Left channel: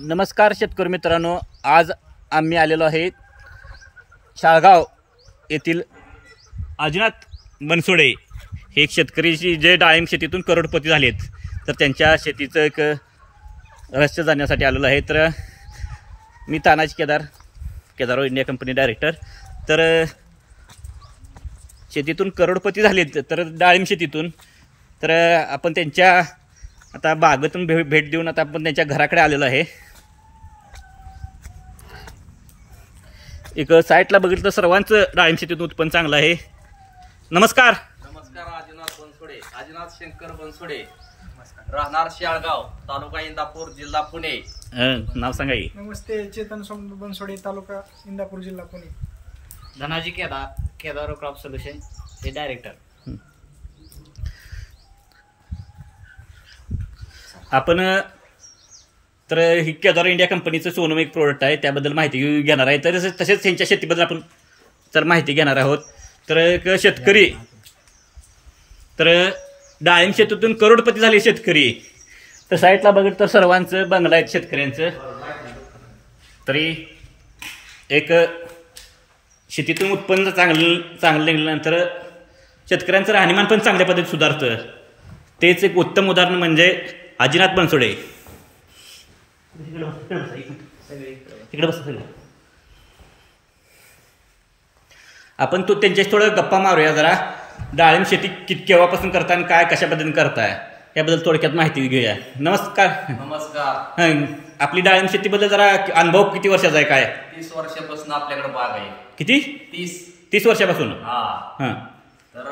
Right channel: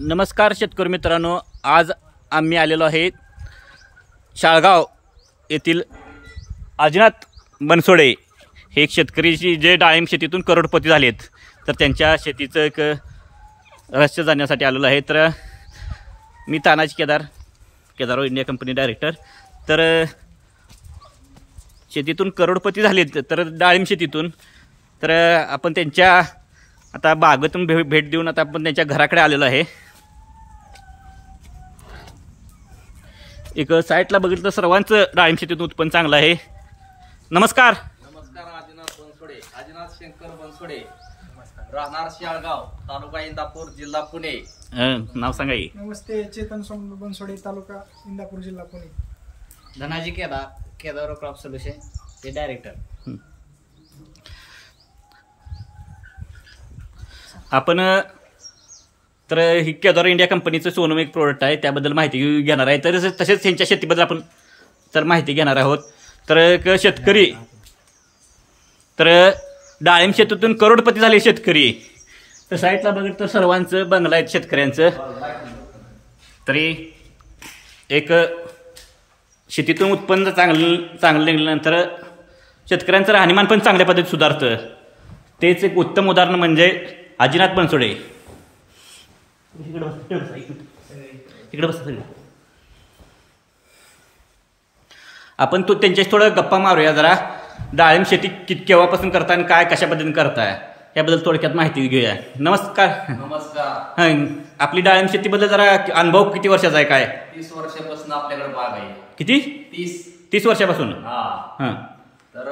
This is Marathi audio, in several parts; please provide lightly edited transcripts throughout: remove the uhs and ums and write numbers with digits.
नमस्कार शेतकरी मित्रांनो, आज आम्ही आलेलो आहे शाळगाव येथील आजीनाथ बनसोडे हे एक शेतकरी जे डाळिंब शेतीतून करोडपती झालेत, तर त्यांच्या शेतीचं एक रहस्य जाणण्यासाठी आलेलो आहे। तर मी Tanaji Kedar India company director. तर शेतीतून करोडपती झालेत तर डाळिंब शेतीतून, तर आपण त्यांच्या आता बागेतून भेट देऊन आता आपण त्यांच्या घराकडे आलेलो आहे। एक साईटला बघितलं तर सर्वांचं डाळिंब शेतीतून उत्पन्न चांगलं आहे। नमस्कार। आजीनाथ बनसोडे, आजीनाथ शंकर बनसोडे, राहणार शाळगाव, तालुका इंदापूर, जिल्हा पुणे। नाव सांगा की। नमस्ते, चेतन बनसोडे, तालुका इंदापूर, जिल्हा पुणे। धनाजी केदार क्रॉप सोल्युशन ते डायरेक्टर। आपण तर ही केदार इंडिया कंपनीचं सोनम एक प्रोडक्ट आहे, त्याबद्दल माहिती घेणार आहे। तर तसेच त्यांच्या शेतीबद्दल आपण तर माहिती घेणार आहोत। तर एक शेतकरी तर डाळिंब शेतीतून करोडपती झाले शेतकरी। तर साईटला बघितलं तर सर्वांचं बंगला आहेत शेतकऱ्यांचं। तरी एक शेतीतून उत्पन्न चांगलं निघाल्यानंतर शेतकऱ्यांचं राहणीमान पण चांगल्या पद्धतीत सुधारतं। तेच एक उत्तम उदाहरण म्हणजे आजीनाथ बनसोडे। इकडे बसा सगळे। आपण त्यांच्याशी थोडं गप्पा मारूया जरा। डाळिंब शेती केव्हापासून करताय आणि काय कशा पद्धतीने करताय याबद्दल थोडक्यात माहिती घेऊया। नमस्कार। नमस्कार। हां, आपली डाळिंब शेतीबद्दल जरा अनुभव किती वर्षाचा आहे काय? 30 वर्षापासून आपल्याकडे बाग आहे। किती? 30 वर्षापासून। हां। तर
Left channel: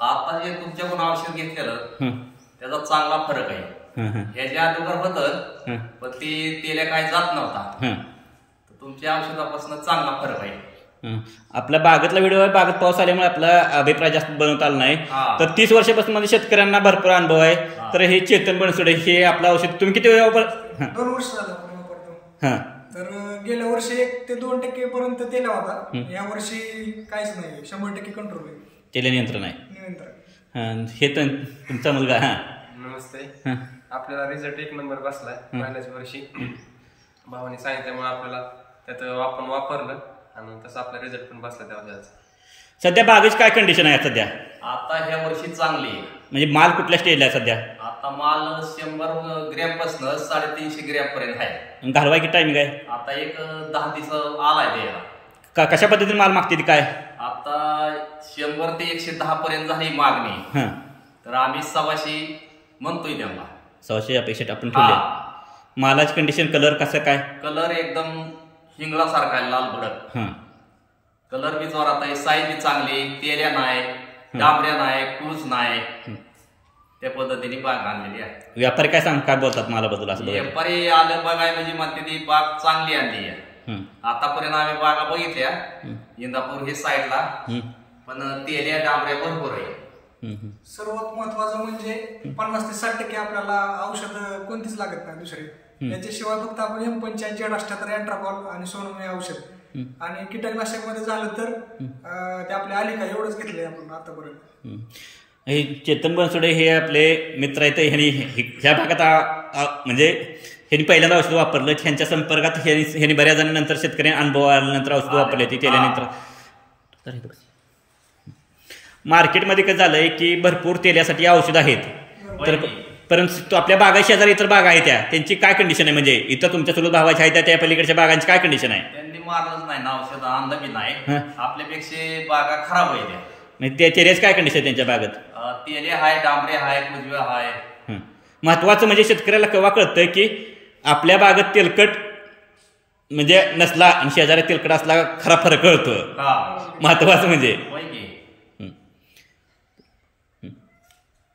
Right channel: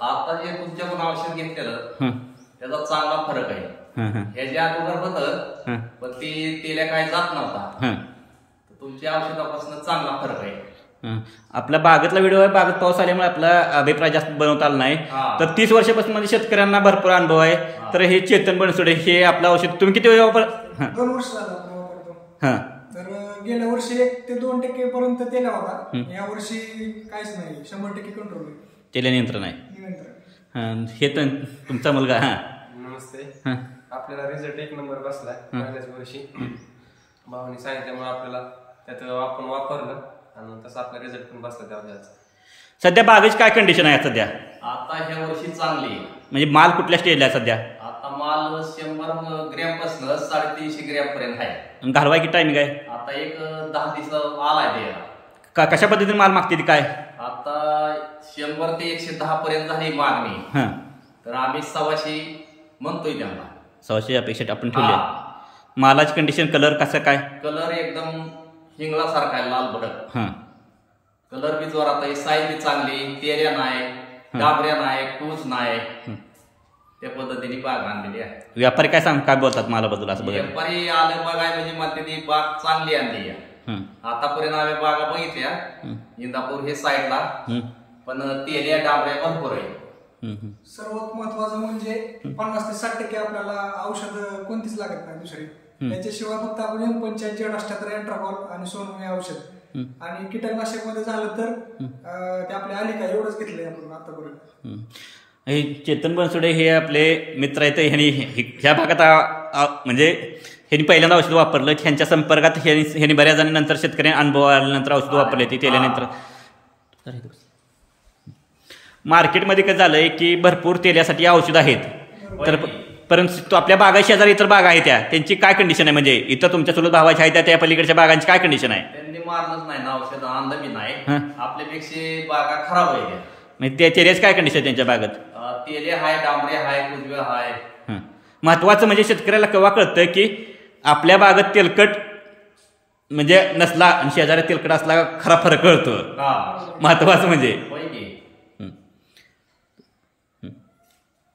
आता जे तुमच्याकडून औषध घेतलेलं त्याचा चांगला फरक आहे। ह्याच्या अगोदर होतं पण तेल्या काय जात नव्हता, तर तुमच्या औषधापासून चांगला फरक आहे। आपल्या बागेतला व्हिडिओ आहे, बागेत पाऊस आल्यामुळे आपला अभिप्राय जास्त बनवता आला नाही। तर 30 वर्षापासून माझ्या शेतकऱ्यांना भरपूर अनुभव आहे। तर हे चेतन बनसोडे हे आपलं औषध तुम्ही किती वेळ वापर? 2 वर्ष झालं आपण वापरतो। तर गेल्या वर्षी 1 ते 2% पर्यंत तेला होता, या वर्षी काहीच नाही, 100% कंट्रोल आहे, तेल नियंत्रण आहे। नियंत्रण। हे तर तुमचा मुलगा। नमस्ते। आपल्याला रिझल्ट 1 नंबर बसलाय पहिल्याच वर्षी। भावाने सांगितल्यामुळे आपल्याला त्यात आपण वापरलं आणि तसं आपला रिझल्ट पण बसला त्या वर्षाचा। सध्या बागेची काय कंडिशन आहे सध्या? आता ह्या वर्षी चांगली आहे। म्हणजे माल कुठल्या स्टेजला आहे सध्या? आता माल 100 ग्रॅम पासून 350 ग्रॅम पर्यंत आहे। घालवायची टायमिंग आहे? आता एक 10 दिवस आलाय द्यायला। कशा पद्धतीने माल मागते ती काय? आता 100 ते 110 पर्यंत झाली मागणी, तर आम्ही 100 म्हणतोय त्यांना। 100 अपेक्षा आपण ठेवली। मालाची कंडिशन, कलर कसं काय? कलर एकदम हिंगळासारखा आहे, लाल भडक। कलर बी जोरात आहे, साईज बी चांगली, तेल्या नाही, डांबऱ्या नाही, टूज नाही, त्या पद्धतीने बाग आणलेली आहे। व्यापारी काय बोलतात मालाबद्दल? असं बघा, व्यापारी आलं बघाय म्हणजे म्हणते ती बाग चांगली आणली आहे। आतापर्यंत आम्ही बागा बघितल्या इंदापूर हे साईडला, पण तेल्या डांबऱ्या भरपूर आहे। सर्वात महत्वाचं म्हणजे 50 ते 60% आपल्याला औषध कोणतीच लागत नाही दुसरी। त्याच्याशिवाय फक्त आपण M85 Z78 एंट्राकॉल आणि सोनम हे औषध, आणि कीटकनाशक मध्ये झालं तर ते आपले आलिका एवढंच घेतलंय आपण आतापर्यंत। हे चेतन बनसोडे हे आपले मित्र आहेत। ह्यांनी ह्या भागात म्हणजे ह्यांनी पहिल्यांदा औषध वापरलं, ह्यांच्या संपर्कात ह्यांनी बऱ्याच जणांनंतर शेतकऱ्यांनी अनुभव आल्यानंतर औषध वापरले ती तेल्यानंतर। मार्केटमध्ये काय झालंय की भरपूर तेल्यासाठी औषध आहेत, तर परंतु आपल्या बागा शेजारी इतर बागा आहेत त्यांची काय कंडिशन आहे? म्हणजे इतर तुमच्या चुलत भावाच्या आहेत त्या पलीकडच्या बागांची काय कंडिशन आहे? त्यांनी मारलंच नाही ना औषध, आणलं बी नाही, आपल्यापेक्षा बागा खराब आहे। म्हणजे त्या तेल्याची काय कंडिशन आहे त्यांच्या बागेत? तेले हाय, डांबरे हाय, कुजवे हाय। महत्वाचं म्हणजे शेतकऱ्याला केव्हा कळतं की आपल्या बागेत तेलकट म्हणजे नसला आणि शेजारी तेलकट असला खरा फरक कळतो। महत्वाचं म्हणजे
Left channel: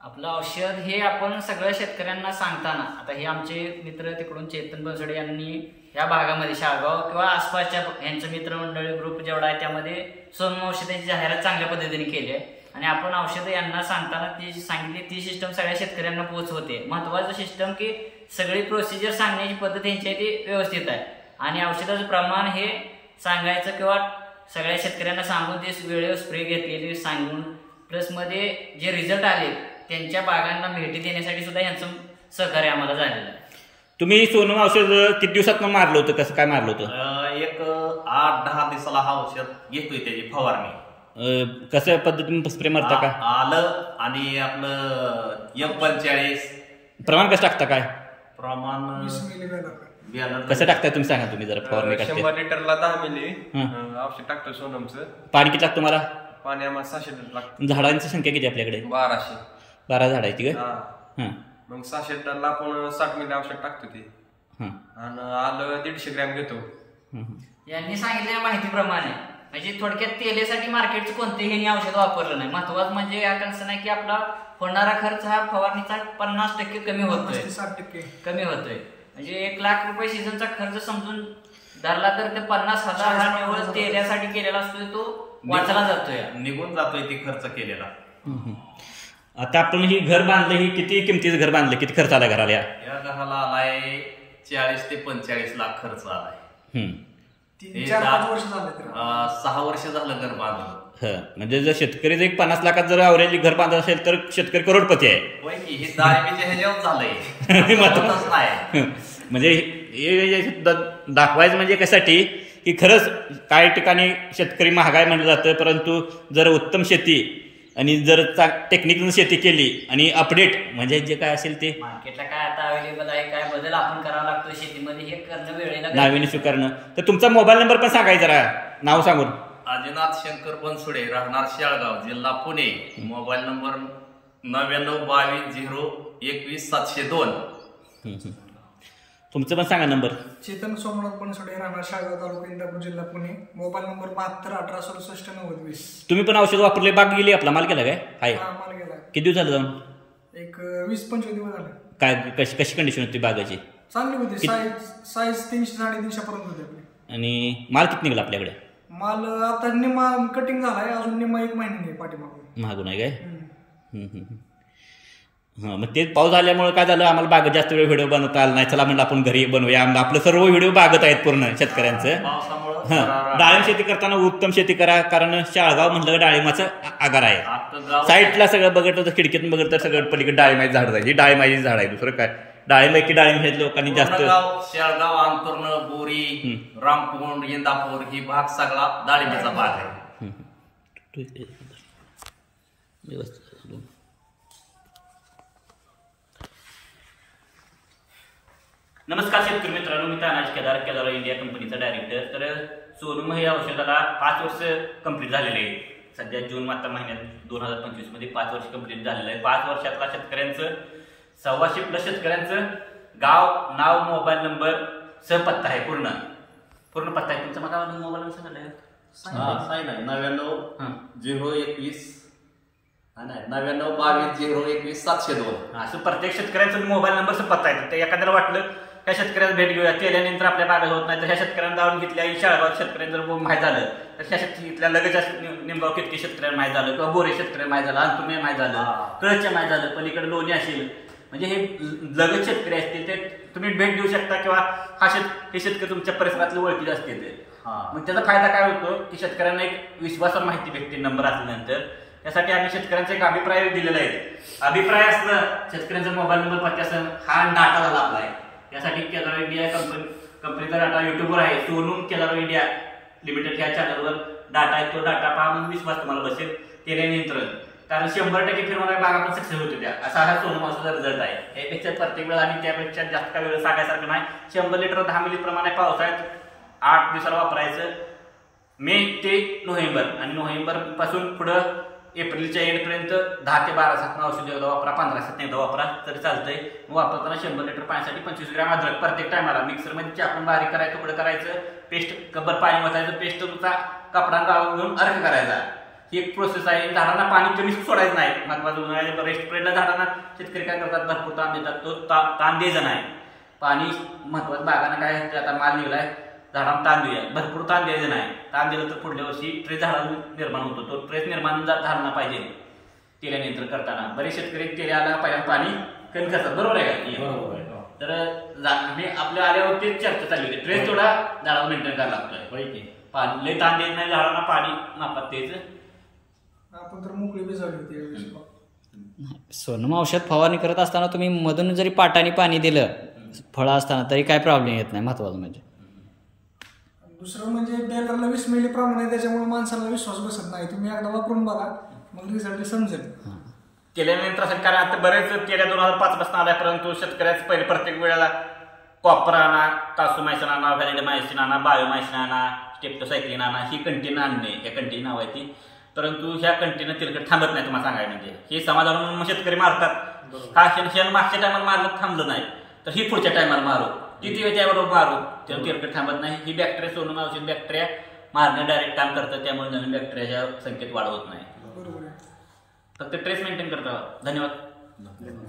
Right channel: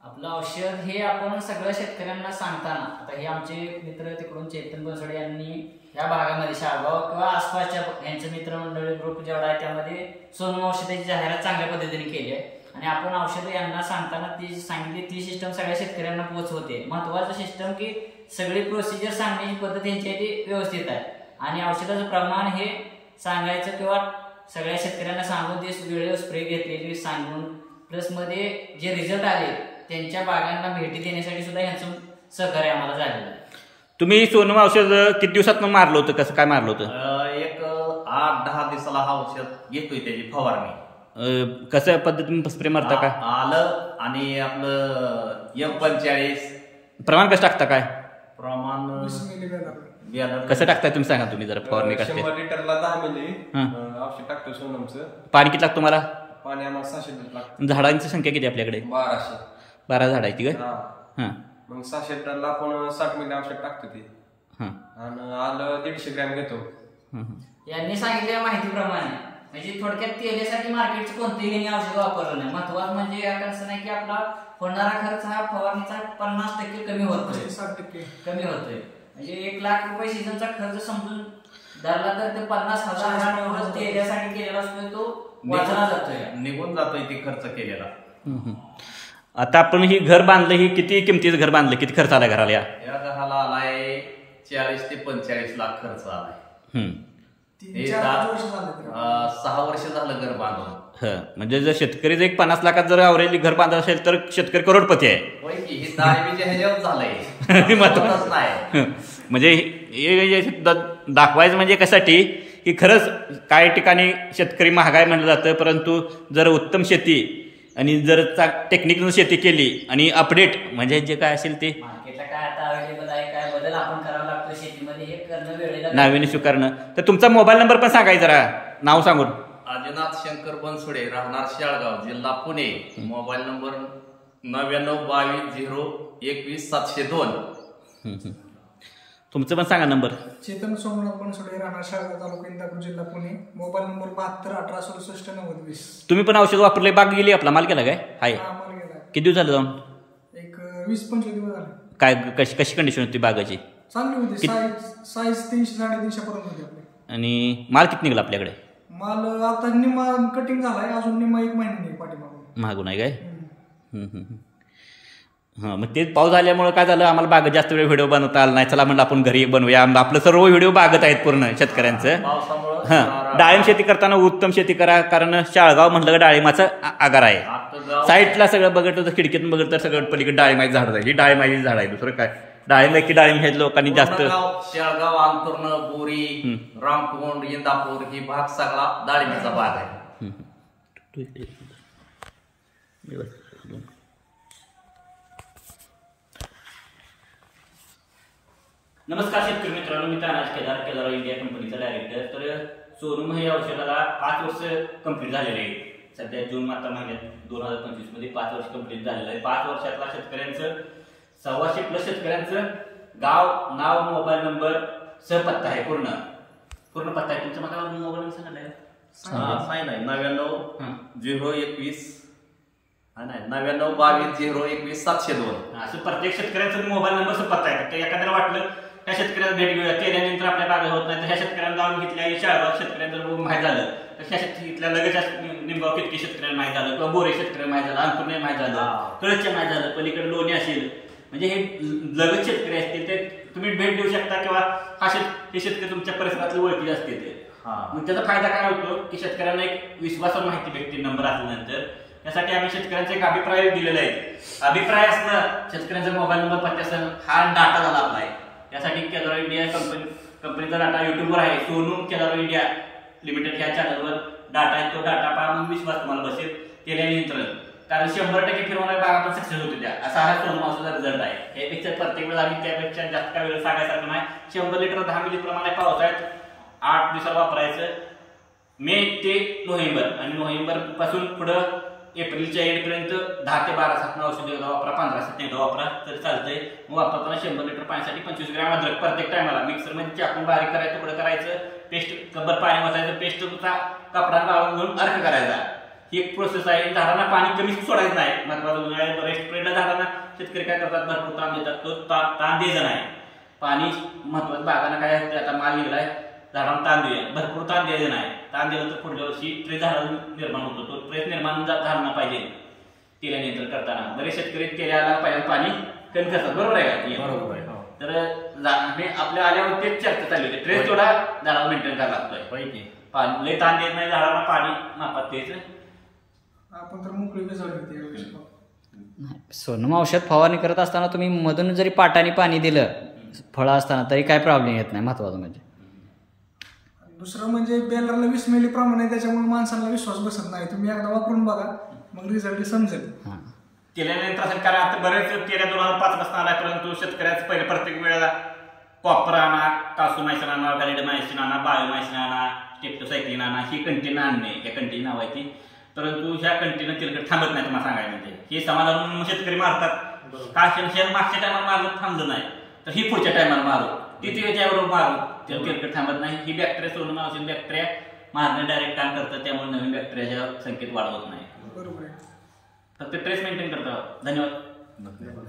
आपलं औषध हे आपण सगळ्या शेतकऱ्यांना सांगताना, आता हे आमचे मित्र तिकडून चेतन बनसोडे यांनी या भागामध्ये शाळगाव किंवा आसपासच्या यांचं मित्रमंडळी ग्रुप जेवढा आहे त्यामध्ये सोनम औषधाची जाहिरात चांगल्या पद्धतीने केली आहे, आणि आपण औषधं यांना सांगताना ती सांगितली ती सिस्टम सगळ्या शेतकऱ्यांना पोहोचवते। महत्वाचं सिस्टम की सगळी प्रोसिजर सांगण्याची पद्धत यांची ती व्यवस्थित आहे, आणि औषधाचं प्रमाण हे सांगायचं किंवा सगळ्या शेतकऱ्यांना सांगून ते वेळेवर स्प्रे घेतलेली सांगून, प्लस मध्ये जे रिझल्ट आले त्यांच्या बागांना भेटी देण्यासाठी सुद्धा यांचं सहकार्य आम्हाला झालेलं आहे। तुम्ही सोनम औषध किती दिवसात मारलं होतं, कसं काय मारलं होतं? एक 8-10 दिवसाला हा औषध घेतोय त्याची फवारणी. कसं पद्धतीने स्प्रे मारता का? आलं आणि आपलं M45 प्रमाण कसं टाकता काय? प्रमाण 20 मिली बॅनर. कसं टाकताय तुम्ही सांगा, तुम्ही जरा फवारणी करते. 100 लिटरला 10 मिली औषध टाकतो सोनमचं. पाणी किती लागतं तुम्हाला? पाणी आम्हाला 600 लिटर लागतं. झाडांची संख्या किती आपल्याकडे? 1200 झाडायची का? हा. मग 600 लिटरला आपण 60 मिली औषध टाकतो ते. आणि आलं 150 ग्रॅम घेतो. यांनी सांगितलेल्या माहितीप्रमाणे म्हणजे थोडक्यात तेलासाठी मार्केटचं कोणतेही औषध वापरलं नाही. महत्वाचं म्हणजे या कन्सर्न आहे की आपला होणारा खर्च हा फवारणीचा 50% कमी होतोय, 60% कमी होतोय. म्हणजे 1 लाख रुपये सीझनचा खर्च समजून धरला तर ते 50,000 हा निव्वळ तेलासाठी केलेला असतोय तो वाचला जातोय, निघून जातोय ती खर्च केलेला. आता आपण ही घर बांधलं, ही किती किमतीचं घर बांधलं, किती खर्च आला घराला? या घराला आलाय 40 ते 45 लाख खर्च आलाय. 3-4 वर्ष झाले. 6 वर्ष झालं घर बांधून. म्हणजे जर शेतकरी जर 50 लाखात जर अवरेज घर बांधत असेल तर शेतकरी करोडपती आहे. होय की, हे दारिद्र्य ह्याच्यावर झालंय. महत्वाचं नाही म्हणजे दाखवायचं म्हणजे कशासाठी की खरंच काही ठिकाणी शेतकरी महागाई म्हणलं जातं, परंतु जर उत्तम शेती आणि जर टेक्निकल शेती केली आणि अपडेट म्हणजे जे काय असेल ते मार्केटला काय आता अवेलेबल आहे, काय बदल आपण करावा लागतो शेतीमध्ये हे करणं वेळेला नाविन्य स्वीकारणं. तर तुमचा मोबाईल नंबर पण सांगायचं जरा, नाव सांगून. आदिनाथ शंकर बनसुडे, राहणार शाळगाव, जिल्हा पुणे. Mobile number 9922012702. तुमचं पण सांगा नंबर. चेतन सोमनाथ बनसोडे, राहणार शाळगाव, तालुका इंदापूर, जिल्हा पुणे. Mobile number 7218676920. तुम्ही पण औषध वापरले, बाग गेली, आपला माल केला काय? हाय. माल गेला. किती दिवस झालं जाऊन? एक 20-25 दिवस झाले. काय कशी कंडिशन होती बागाची? चांगली होती. साईज 300-350 पर्यंत होती आपली. आणि माल किती निघाला आपल्याकडे? माल आता निम्मा कटिंग झालाय, अजून निम्मा 1 महिन्याने पाठीमागून. मागून आहे काय? मग ते पाऊस झाल्यामुळे काय झालं, आम्हाला बागत जास्त वेळ व्हिडिओ बनवता आला नाही. चला म्हणलं आपण घरी बनवूया. आपलं सर्व व्हिडिओ बागत आहेत पूर्ण शेतकऱ्यांचं. डाळिंब शेती करताना उत्तम शेती करा, कारण शाळगाव म्हटलं का डाळिंबाचं आगार आहे. साईडला सगळं बघितलं तर खिडकीतून बघितलं तर सगळं पलीकडे डाळिंबाची झाड आहे. ही डाळिंबाची झाड आहे, दुसरं काय. डाळिंब हे लोकांनी जास्त. शाळगाव, आंतुर्ण, बोरी, रामकुंड, इंदापूर ही भाग सगळा डाळिंबीचा भाग आहे. नमस्कार शेतकरी मित्रांनो, मी तानाजी केदार इंडिया कंपनीचा डायरेक्टर. तर सोनम हे औषधाला 5 वर्ष कंप्लीट झालेले आहे. सध्या जून महिन्यात 2025 मध्ये 5 वर्ष कंप्लीट झालेलं आहे. 5 वर्षातला शेतकऱ्यांचं 125+ शेतकऱ्यांचं गाव, नाव, मोबाईल नंबर, सहपत्ता आहे. पूर्ण पत्ता आहे तुमचा. माझा मोबाईल नंबर सांगा. 9922012702. असं प्रत्येक शेतकऱ्यांचा मोबाईल नंबर पत्ता आहे. तर एखाद्याला वाटलं त्या शेतकऱ्याला भेट घेऊया, केल्यानंतर आपल्या बागा होत नाही, तर ह्या शेतकऱ्यांना जाऊन घेतल्या. शाळगाव शेतकऱ्यांचं माहीत झालं तर ह्या शेतकऱ्या लगेच निमगाव कितकी शेतकऱ्यांना माहीत झालं, किंवा बोरे शेतकऱ्यांना माहीत झालं, अंतुर्णे माहीत झालं, कळच्या माहीत झालं, पलीकडे लोणी असेल. म्हणजे हे लगेच शेतकरी असतील, ते तुम्ही भेट देऊ शकता, किंवा हे शेतकरी तुमच्या परिसरातले ओळखीचे असतील. मग त्याचा फायदा काय होतो की शेतकऱ्यांना एक विश्वासावर माहिती भेटते नंबर असल्यानंतर. त्यासाठी आम्ही शेतकऱ्यांचा एक अभिप्राय दिलेला आहे. अभिप्राय असला शेतकऱ्यांचा मोबाईल नंबर पत्ता असेल, हा डाटा झाला आपला आहे. यासाठी केदार इंडिया कंपनीचा डाटा युट्यूबवर आहे. सोनम केदार इंडिया लिमिटेड ह्या चॅनलवर डाटा आहे. तो डाटा पहा, मग विश्वास तुम्हाला बसेल. तेल्या नियंत्रण, कारण 100% फिरवणाऱ्या बागा पण सक्सेस होते त्या. असा हा सोनम औषधाचा रिझल्ट आहे. यापेक्षा प्रत्येक वेळा आणि त्यापेक्षा जास्त काय वेळ सांगायसारखं नाही. 100 लिटर 10 मिली प्रमाणे पावसाळ्यात 8 दिवसाला वापरायचं. मे ते नोव्हेंबर, आणि नोव्हेंबर पासून पुढं एप्रिलच्या एंडपर्यंत 10 ते 12 दिवसात औषध एकदा वापरा, 15 दिवसात एकदा वापरा तरी चालतंय. वापरताना 100 लिटर पाण्यासाठी 25 ग्रॅम अद्रक प्रत्येक टायमाला मिक्सरमध्ये चाकून बारीक करायचं, तुकडं करायचं, पेस्ट कब्बर पाणी वाचायचं, पेस्ट तुमचा कपडा गाळून घेऊन अर्क करायचा. ही एक प्रोसेस आहे. झाडांना पाणी कमी सोडायचं नाही. महत्वाचं उन्हाळ्यात रेस्ट पिरियडला झाडांना शेतकरी काय करतात, भरपूर ताण देतात. तो ताण द्यायचा नाही. पाणी महत्वाचं. बागांना काय आता माल निघलाय, झाडांना ताण द्या, भरपूर ताण द्यायचं नाही. ताण दिलं तर पुढल्या वर्षी ट्रेस झाडाला निर्माण होतो. तो ट्रेस निर्माण झाला पाहिजे तेल्या नियंत्रण करताना. बरेच शेतकरी तेल्याला पाहिजे पाणी कमी करतात, बरोबर आहे का? बरोबर आहे. तर आपल्या आल्यावर तेच चर्चा चालली होती. ट्रेस थोडा झाडाला मेंटेन करायला लागतोय. पाणी लय ताण देत नाही झाडाला, पाणी मापात द्यायचं. आपण तर मोकळी भिजवली होती. सोनम औषध फवारणी करत असताना तुम्ही मधून जरी पाटाने पाणी दिलं फळं असताना तरी काय प्रॉब्लेम येत नाही, महत्त्वाचं म्हणजे. दुसरं म्हणजे बेलरला 20 मिली प्रमाण आहे, त्याच्यामुळे माणसाला विश्वास बसत नाही. तुम्ही एकदा वापरून बघा, मग रिझल्ट समजेल. केल्यानंतर असं कारण आता बरेच तेल्या 2005 पासून आलाय, परंतु शेतकऱ्याचं पहिले प्रत्येक वेळेला कॉपर आणा, कासूमायसिन आणा, व्हॅलिडमायसिन आणा, बायोमायसिन आणा, स्टेप्टोसायक्लिन आणा, ही कंटिन्यू आणणे, ह्या कंटिन्यू नाव आहे ती. परंतु ह्या कंटिन्यू तेलकट थांबत नाही. तुम्हाला सांगायला म्हणजे हे समाधान शेतकरी मारतात. का शेण मागच्या टायमाला मारलं थांबलं नाही, तर ही पुढच्या टायमाला मारू, किती वेळ त्याबरोबर मारू, तेव्हा तेलकट थांबत नाही. ही बॅक्टेरिया सोनम औषध बॅक्टेरिया मारणे डायरेक्ट काम करतं, त्यामुळे नवीन बॅक्टेरियाच्या संख्येत वाढ होत नाही. बरोबर आहे. फक्त ट्रेस मेंटेन करतो. धन्यवाद.